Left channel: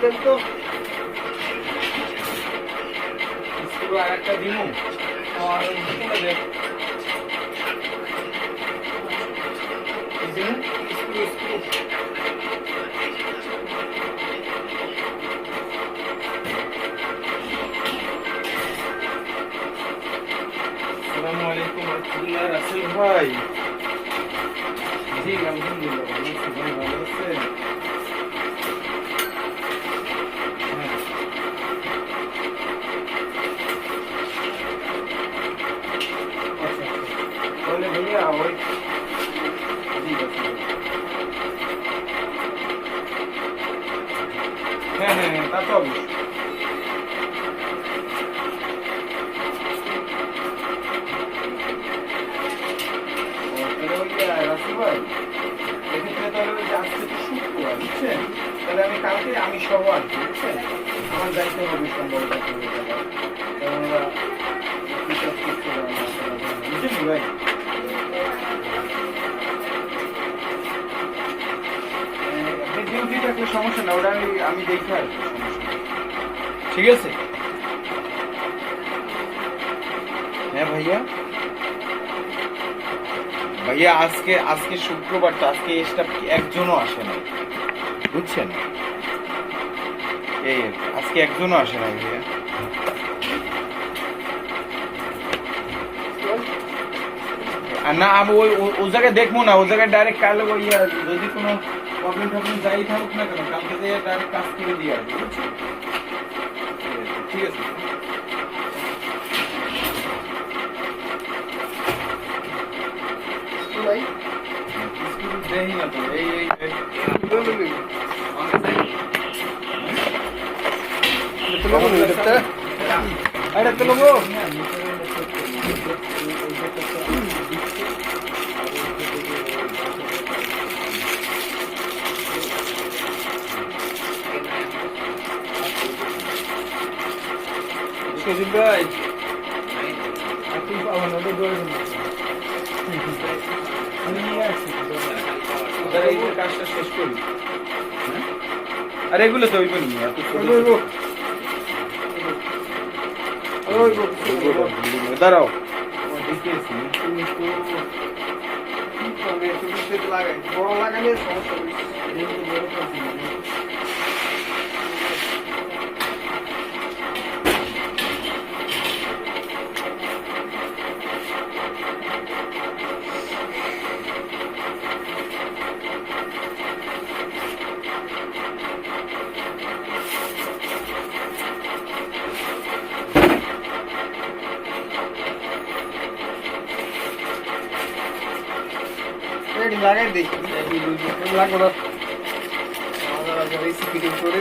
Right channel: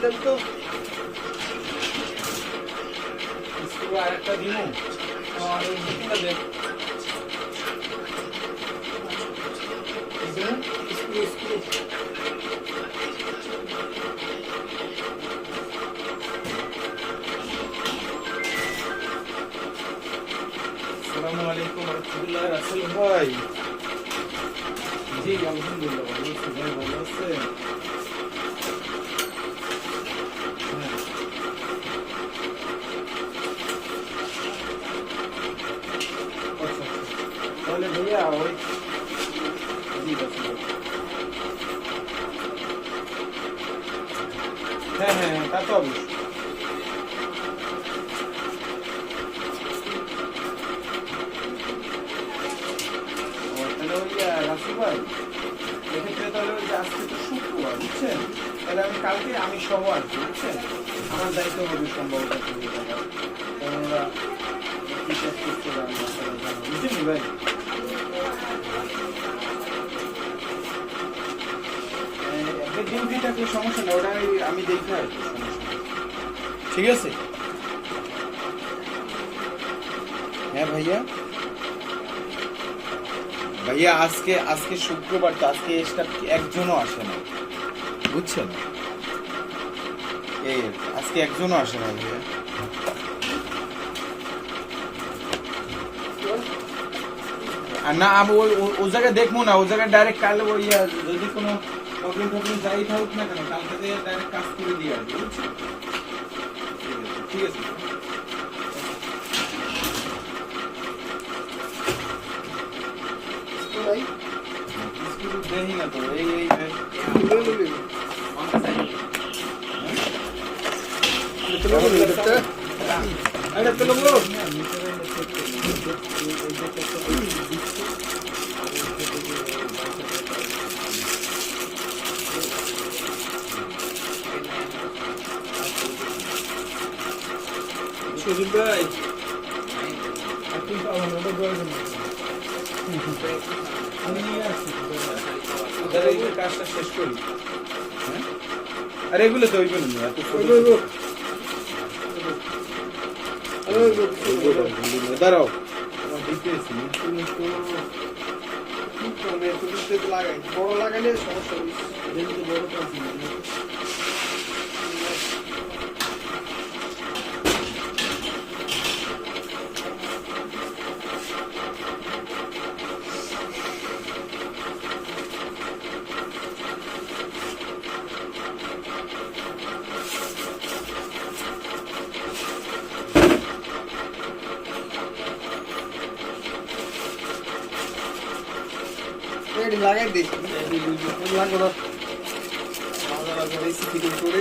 তো স্ক্রু আর একটা দিমু আর ওই বুকিংটা দেখ স্ক্রু স্ক্রু আসসালামু আলাইকুম রহমতুল্লাহ রাসেল ভাই জি আলহামদুলিল্লাহ ভালো আছি ভাই ভালো আছেন হ্যাঁ। আচ্ছা, আচ্ছা। তাহলে ভাইয়া ওই জি আচ্ছা, আচ্ছা। হ্যাঁ হ্যাঁ হ্যাঁ তা তো অবশ্যই। ভাই তাহলে ওই তাহলে আমি আমি সহ আসব, বুঝছেন? আমার যাইতে হবে সম্ভবত কেননা বুঝছেন ভাই? থাকলে সমস্যা না ওটা আমি আমি ঠিক আছে? হ্যাঁ ভাইয়া? ভাইয়া, আজকে আজকে শুক্রবার তো, আজকে স্টাফ একজনও আসে না বুঝছেন? এই আজকে একজনও আসে না ভাইয়া। আর না, আমি ওই ও জায়গায় দেখব না ও জায়গায় ডাইরেক্ট কাল ওই যদি কোনো প্রবলেম টবলেম যাই থাকুক না কেন কালকে দিয়ে ডাইরেক্ট কাজ করে দিয়ে আসব ঠিক আছে। দেখি না তো এই এই আরে তো লোগো সুদীপ ভাই আপনি পাবেন ওটা দিন আমি নিয়ে আসছি কাজটা শেষ করি হ্যাঁ? আর এগুলো তো ওইগুলো নিয়ে। দাঁড়াও লাগাই বড় লাগাইলে সমস্যা লাগাই দেখি। লাগবো না আমাদের আবার এসি ফিটিং করে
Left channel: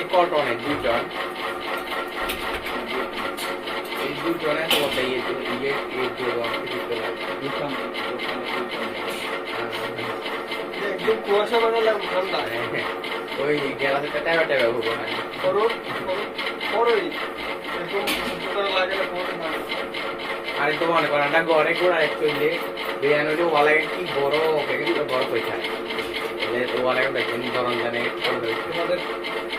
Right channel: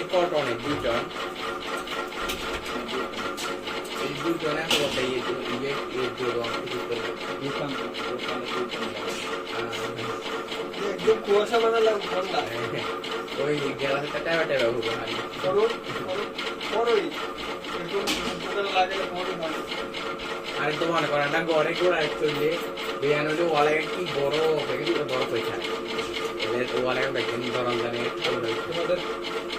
নিকট অনেক দুজন এই দুজনে তোমাদের ইয়ে ইয়ে ইয়ে ভিতরে দোকান দোকানে কুয়াশা বানা লাগবে ঠান্ডা। ওই গেলাসটা টাইমে টাইমে হব হ্যাঁ। করো করো আরে তো মনে করেন না ঘরে ঘোরা চললে বিরিয়ানি হলে ওয়ালাগে কি বড় প্যাকেট বড় পয়সা এলে তো ওয়ালাগে দেখেন জানে তোমাদের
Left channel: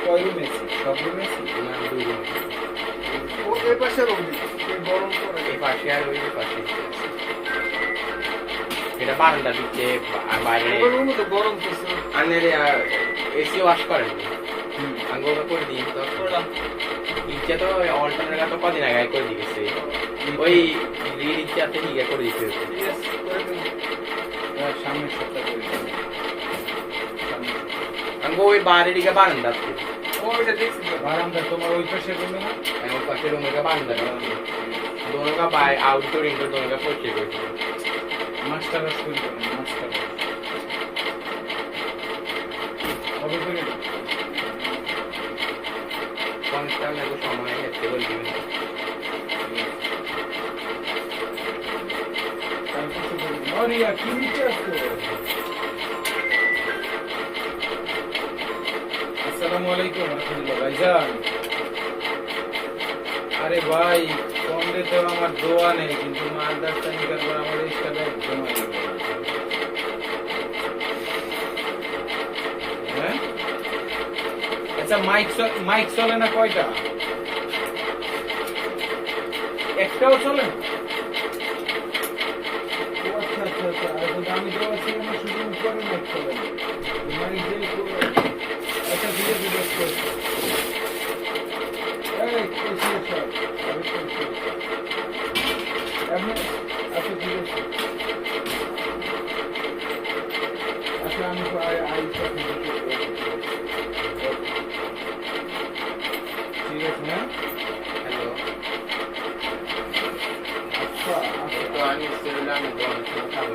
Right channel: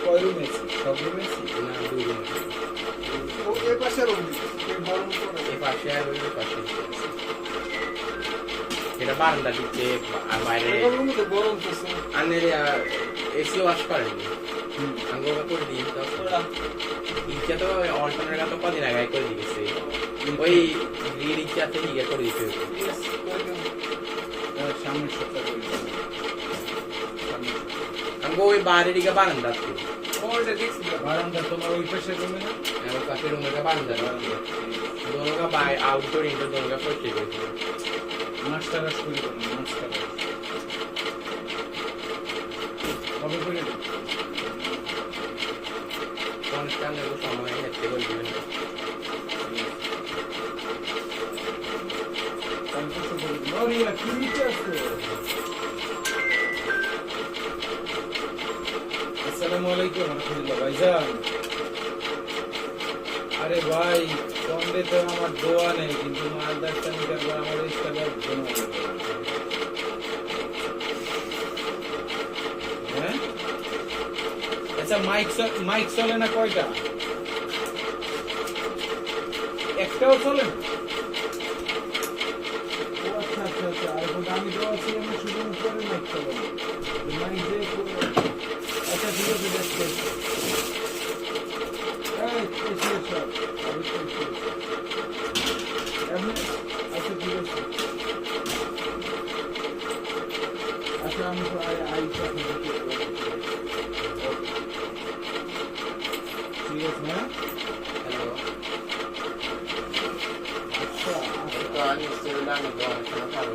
কয় রুম এসি সব রুম এসি দুই দিন ও এই পাশে রবি এই পাশে আর ওই পাশে। এটা বারান্দা দিচ্ছে বাইরে গরম আনের এসি ওয়াশ করেন। হুম। করে দিই তো ইচ্ছা তো অল্টারনেট তো কদিন আগে করে দিয়েছে। ওই লিড ইচ্ছাতে ইয়ে করে দিতে সামনের সপ্তাহ করে দেবো। সামনের সপ্তাহে। আমি ওই বাইরে দিকে বারান্দা আছে ওইটা দেখছি তো বারান্দা তোমার ওই পাশে রুমে না আমার পাশে রুমে বারান্দা दोनों का बाय आउटडोर इंडोर दोनों का परचेज हुई মাস্টার রাস করে দেবেন মাস্টার রাস। কবে করে দেবেন? कौन सा मेरे को समय है टेबल गिवन কাল পরশু করে দেবেন। অরিয়া, আরে ভাই কমবে তো আমার দোয়া নেই, কিন্তু মালদার টাইম আমার ইস্টাটা জমা হ্যাঁ? আচ্ছা মাইক মাইক চলে না কয়টা? একটাও চলে না ও আচ্ছা আচ্ছা আচ্ছা আর কিন্তু আমি তো আছি আমি শুধু উপরে মাইক চলে না মানে যে আচ্ছা ঠিক আছে বেশ বেশ এই কইছি স্যার আমি কইছি এমনি আচ্ছা ঠিক আছে stand by eyes of ঠিক আছে হ্যালো আচ্ছা তো আমি সেগুলো আমি তোমার সাথে খাব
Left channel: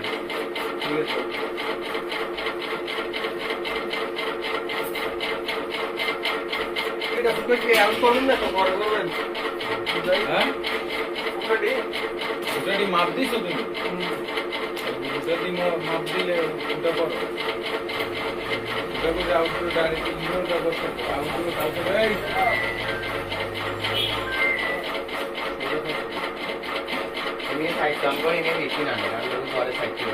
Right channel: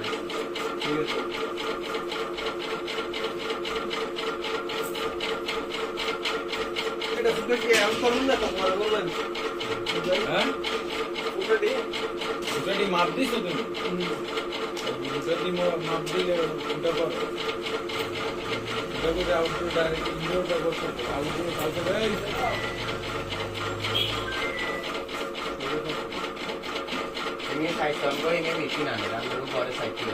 ঠিক আছে এটা ফুটে কি আমি করুন না তো বড় করবেন হ্যাঁ ফুটে ওটাটি মাপ দিছো তুমি ওটাটি মাপ দিলে ওটা করো। ওটা করে আউটডোর ডাইরেক্ট ইনডোরটা করতে। আউটডোর তারপরে আমি সাইড কাম করে বেশি না আমি যখন পরে সাইড ছিল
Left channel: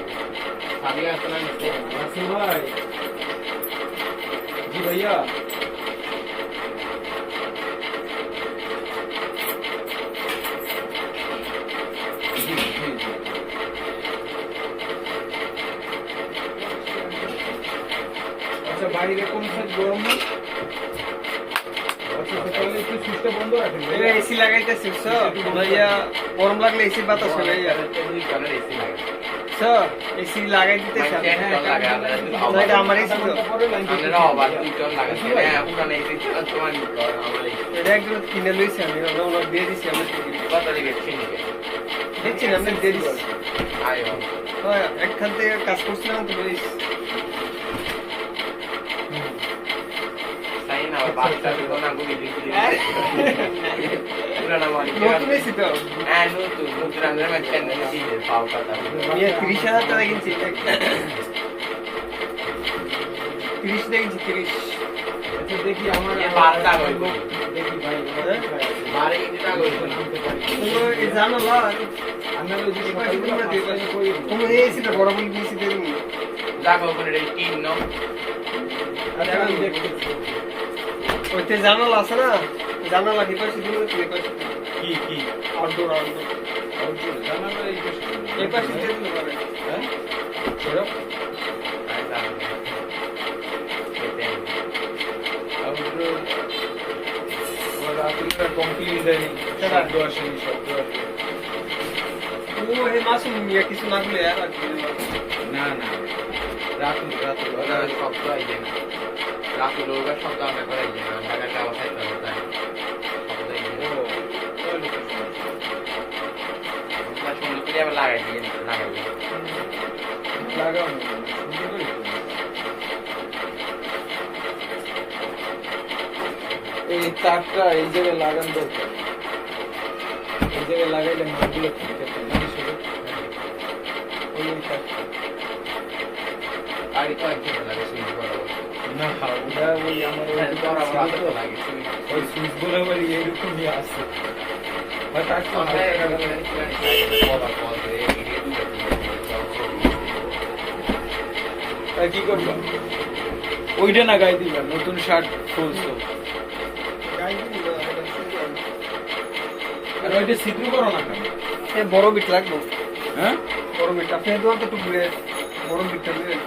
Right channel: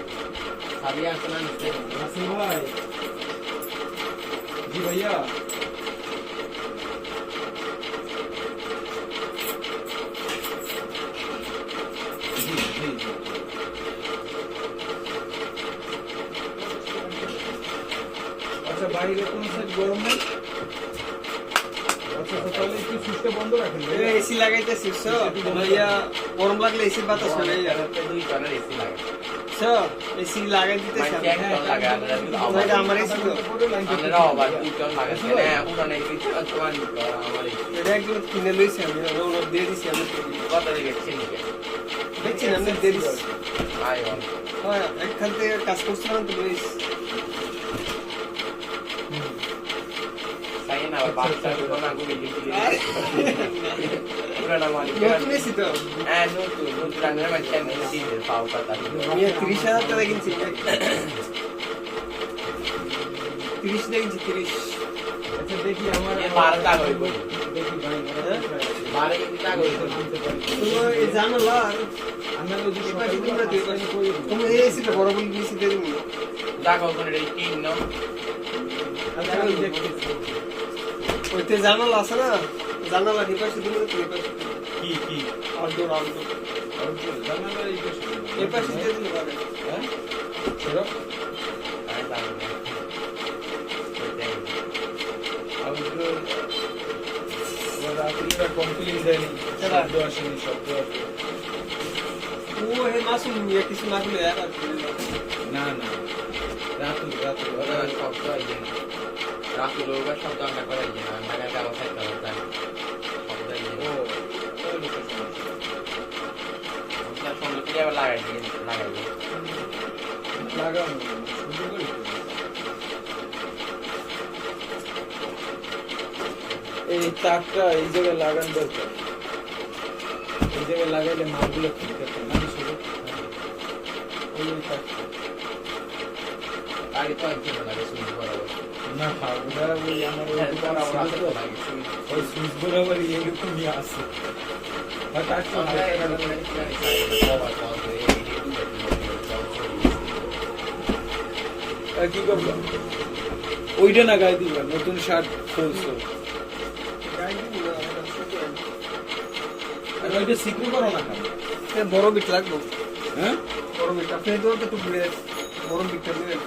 আমি জি ভাইয়া জি জি জি আচ্ছা বাইরে কোন সাইড গরম নেই। আচ্ছা। এসি লাগাইতেছি গরম লাগলে বাতাস লাগাই আমার এটা একজন কিনে লইছি আমি দিয়ে দিছি আমি দেখছি আমি দিয়ে হ্যাঁ একখান থেকে কাজ করছিলাম তো বলিস তাই না আবার বাচ্চা দিব না গুলি দিতে পুরানা মালিক নতুন এসি তো হ্যাঁ নতুন নতুন রঙের মেশিন দিয়েছে পাও কথা মিয়া তিরিশ হাজার টাকা কিনছি তিরিশ কিনছি তিরিশ দেখি আমার বারো টাকা। দেখি ভাই? বারে টাকা জানো আমরা ওই যে পাশে তোমরা দিয়ে পাশে কই তোমরা এই এসিটা বড় বলে দিয়েছি দিয়ে দিবো টাকা ওখানে এই তিন ন আচ্ছা আমি দেখতেছি ওইতে জানালা আছে না? জানালা এই পাশে তো এই পাশে কি কি? Outdoor outdoor. আউটডোর জানালা এই পাশে। এই পাশে দিয়ে দিলে পারে। হ্যাঁ? আরে জানো না আউটডোর ওর রাতুলটা কমপ্লিট দেয়নি। কেডা? শব্দ আসেনি শব্দ ও হে মাসুম মিয়া কিছু লাগলে আর কি। না। না রাতুল রাতুল ওটা শব্দ আইছে না। সুন্দর লাগাই দিয়ে লাগাও না, সুন্দর করে করো। এই তারটা এই জায়গায় লাগান দরকার এই জায়গায় লাগাইলে আছে মানে শুধু ওই তারটা। আর তো একজন লাগে সুইচ না ওটা ওই আমার ওই হ্যাঁ, বরাবর সুইচ আসতে তো- লাগে ওই এরকমই আছে। জানি কি আর করব? ওইটা না গায়ে দিবা নতুন শার্ট খুলছো। গাই গাই। আর ওইটা সিদ্ধ করো না কেন? বড় বিট লাগবো। হ্যাঁ? বড় বিট আপনি তো একটু বড় বিটটা দেবেন